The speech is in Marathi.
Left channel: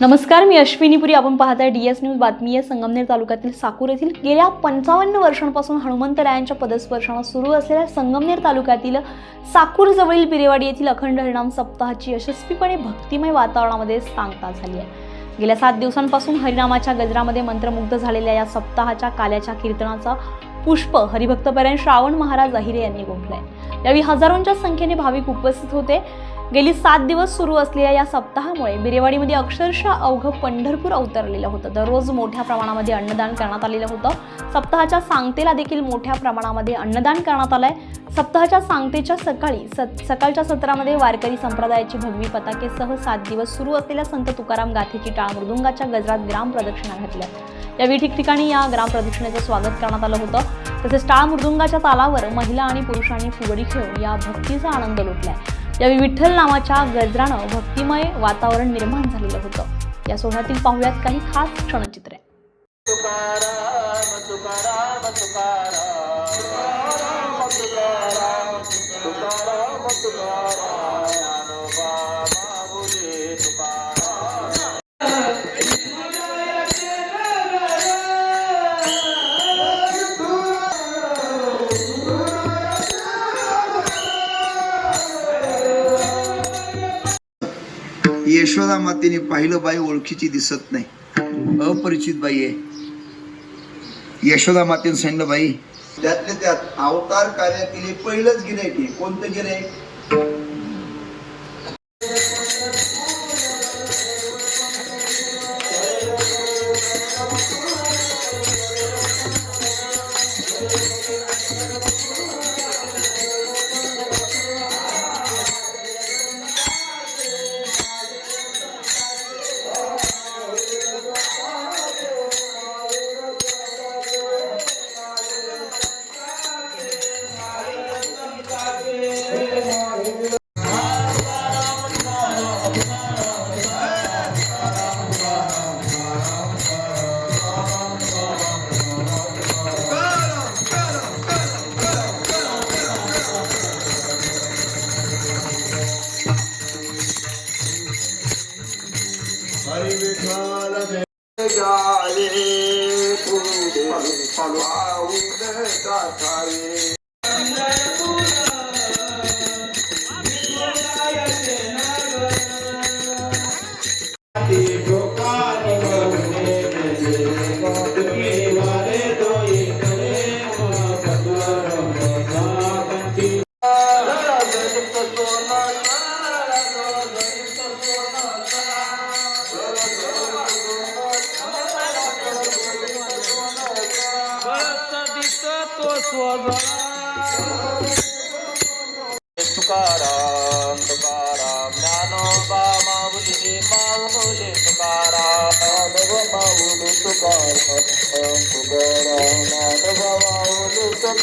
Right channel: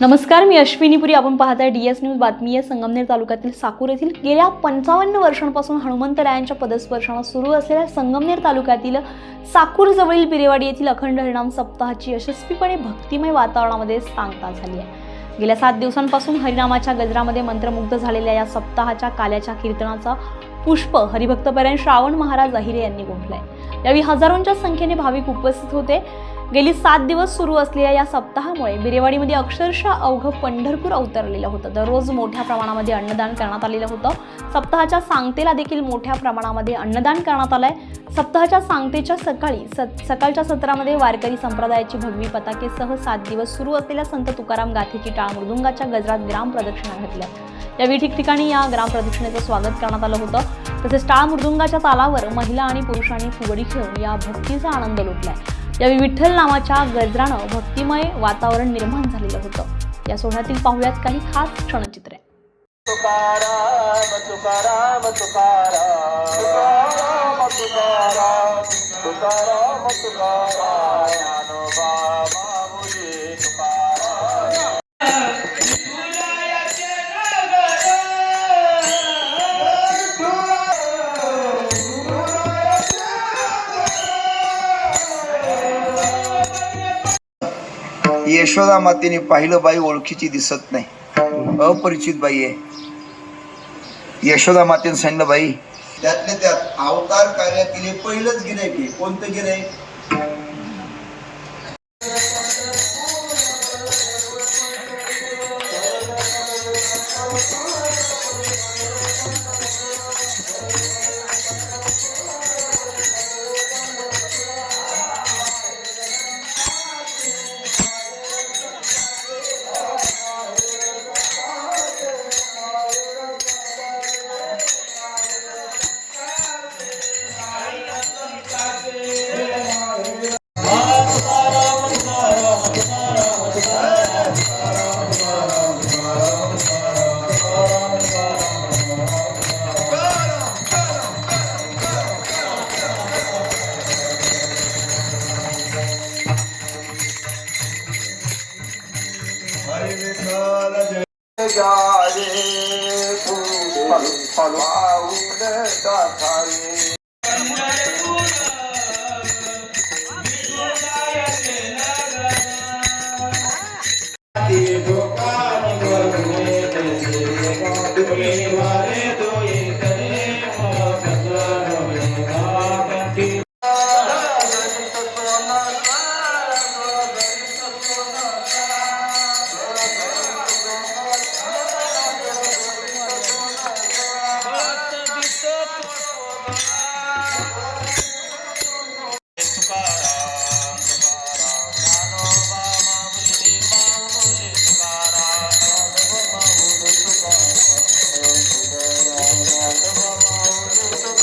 नमस्कार, मी अश्विनीपुरी. आपण पाहताय DS न्यूज. बातमी आहे संगमनेर तालुक्यातील साकूर येथील गेल्या 55 वर्षांपासून हनुमंतरायांच्या पदस्पर्शाने सुरू असलेल्या संगमनेर तालुक्यातील साकूर जवळील बिरेवाडी येथील अखंड हरिनाम सप्ताहाची यशस्वीपणे भक्तिमय वातावरणामध्ये सांगता झाली आहे. गेल्या 7 दिवसांपासून हरिनामाच्या गजरामध्ये मंत्रमुग्ध झालेल्या या सप्ताहाच्या काल्याच्या कीर्तनाचा पुष्प हरिभक्तपरायण श्रावण महाराज अहिरे यांनी गुंफलाय. यावेळी हजारोंच्या संख्येने भाविक उपस्थित होते. गेली 7 दिवस सुरू असलेल्या या सप्ताहामुळे बिरेवाडीमध्ये अक्षरशः अवघं पंढरपूर अवतरलेलं होतं. दररोज मोठ्या प्रमाणामध्ये अन्नदान करण्यात आलेलं होतं. सप्ताहाच्या सांगतेला देखील मोठ्या प्रमाणामध्ये अन्नदान करण्यात आलंय. सप्ताहाच्या सांगतेच्या सकाळच्या सत्रामध्ये वारकरी संप्रदायाची भगवी पताकेसह 7 दिवस सुरू असलेल्या संत तुकाराम गाथेची टाळ मृदुंगाच्या गजरात ग्राम प्रदक्षिणा घातल्या. यावेळी ठिकठिकाणी या ग्राम प्रदक्षिणेचं स्वागत करण्यात आलं होतं. तसेच टाळ मृदुंगाच्या तालावर महिला आणि पुरुषांनी फुगडी खेळून या भक्तीचा आनंद लुटलाय. यावेळी विठ्ठल नामाच्या गजरानं भक्तिमय वातावरण निर्माण झालेलं होतं. या सोहळ्यातील पाहुयात काही खास क्षणचित्रे. तुकाराम तुकाराम तुकाराम तुकाराम तुकाराम तुकाराम ज्ञानोबा माऊली तुकाराम. यशोदा मातेने पाहिलं, बाई ओळखीची दिसत नाही, अपरिचित बाई आहे. यशोदा मातेने सांगितलं, बाई त्यातल्या त्यात अवतार कार्यातील हे पहिलंच गिऱ्हाईक आहे. कोणतं गिऱ्हाईक? हरी विठ्ठल जय जारे पाऊन गाठावे. तुकाराम तुकाराम ज्ञानोबा माऊली माऊली तुकाराम माऊली तुकाराम तुकाराम